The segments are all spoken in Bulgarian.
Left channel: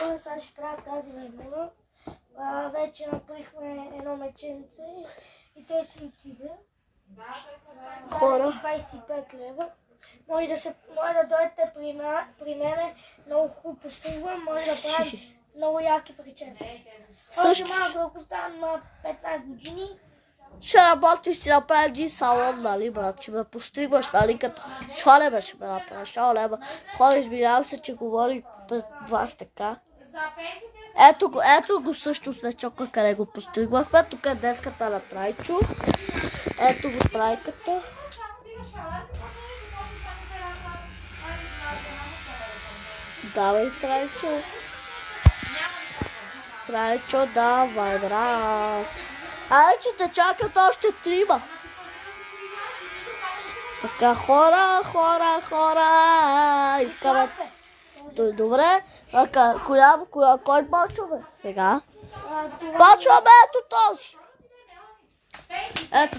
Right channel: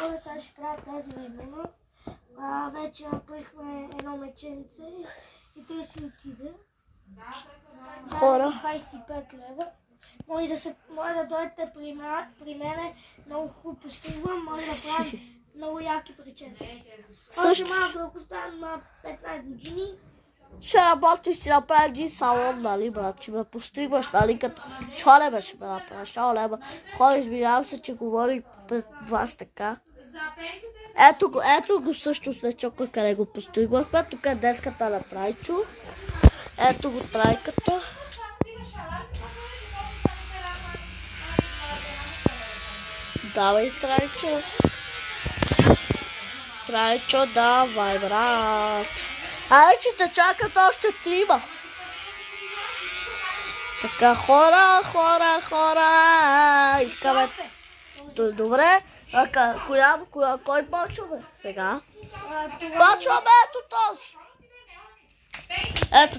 хора, сега ще правя тази времена. Вече направихме едно меченце и те си отиде. Хора. 25 лева. Може да дойдете при мене, много хубаво постигвам, може да правим много яки прически. Още малко да оставам на 15 години. Ще работиш си направи един салон, нали, брат? Ще ме постригваш, нали, като чолеба ще ме направиш. Хора, извинявам се, че говори пред вас така. Ето го също смечока, къде го постригвахме. Тук е деската на Трайчо. Ето го трайката. Давай, Трайчо. Трайчо, давай, брат. Ай, че те чакат още 3. Така, хора. Искаме. Добре. Кой почваме сега? Почваме ето този. Ето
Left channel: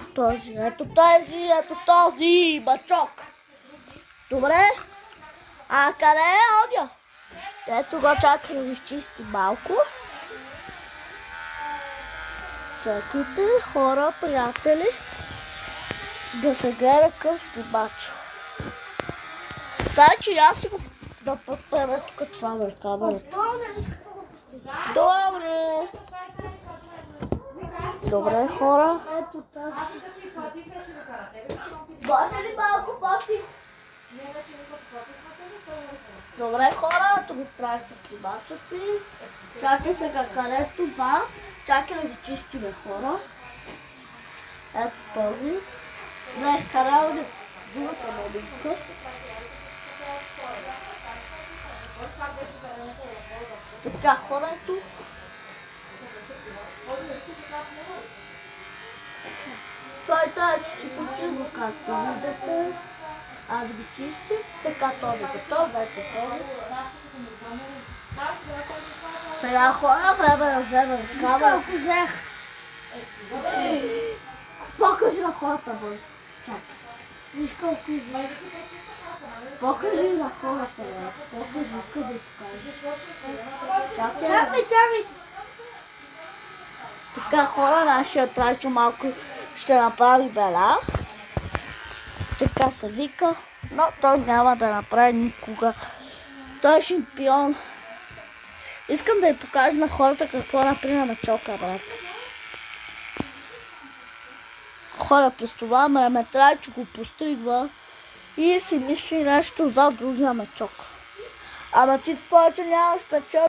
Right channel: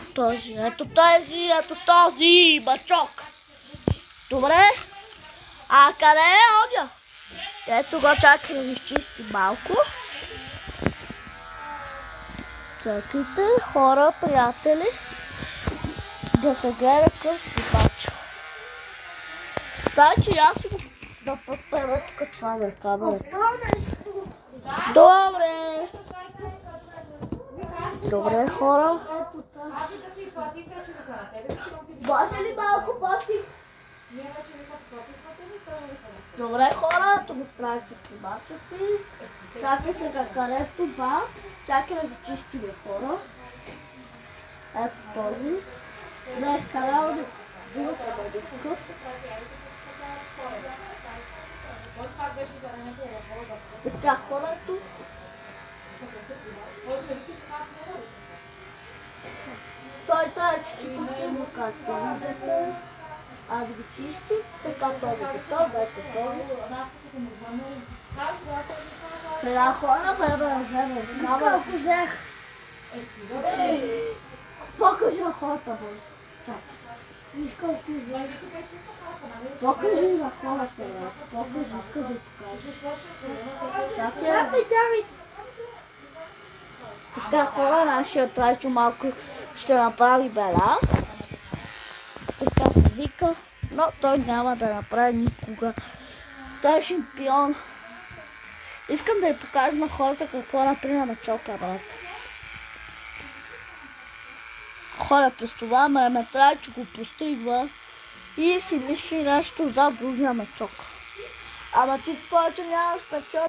този бачок. Добре. А къде е огъня? Ето го, чакай да го изчисти малко. Чакайте, хора, приятели, да се гледа към снимачо. Тай, че аз си го да подпеме тук това на камерата. Добре, хора. Може ли малко по-тихо? Добре, хора, тук правя снимачото. Чакай сега където това. Чакай да ги чистиме, хора. Ето този. Не, карал да другата модичка. Така, хора, ето. Той е, че си постигна както виждате. Аз ги чистих. Така, този готов, вече този. Сега хора, време да вземем камера. Колко взех? Покажи на хората, боже. Виж колко взех. Покажи на хората, бе. Покажи, иска да покажеш. Чакай. Така, хора, нашия Трайчо малко ще направи бела. Така се вика, но той няма да направи никога. Той е шампион. Искам да ви покажа на хората какво направи на мечока, брат. Хора, през това време Трайчо го постригва и си мисли нещо за другия мечок. Ама чисто повече няма спечел.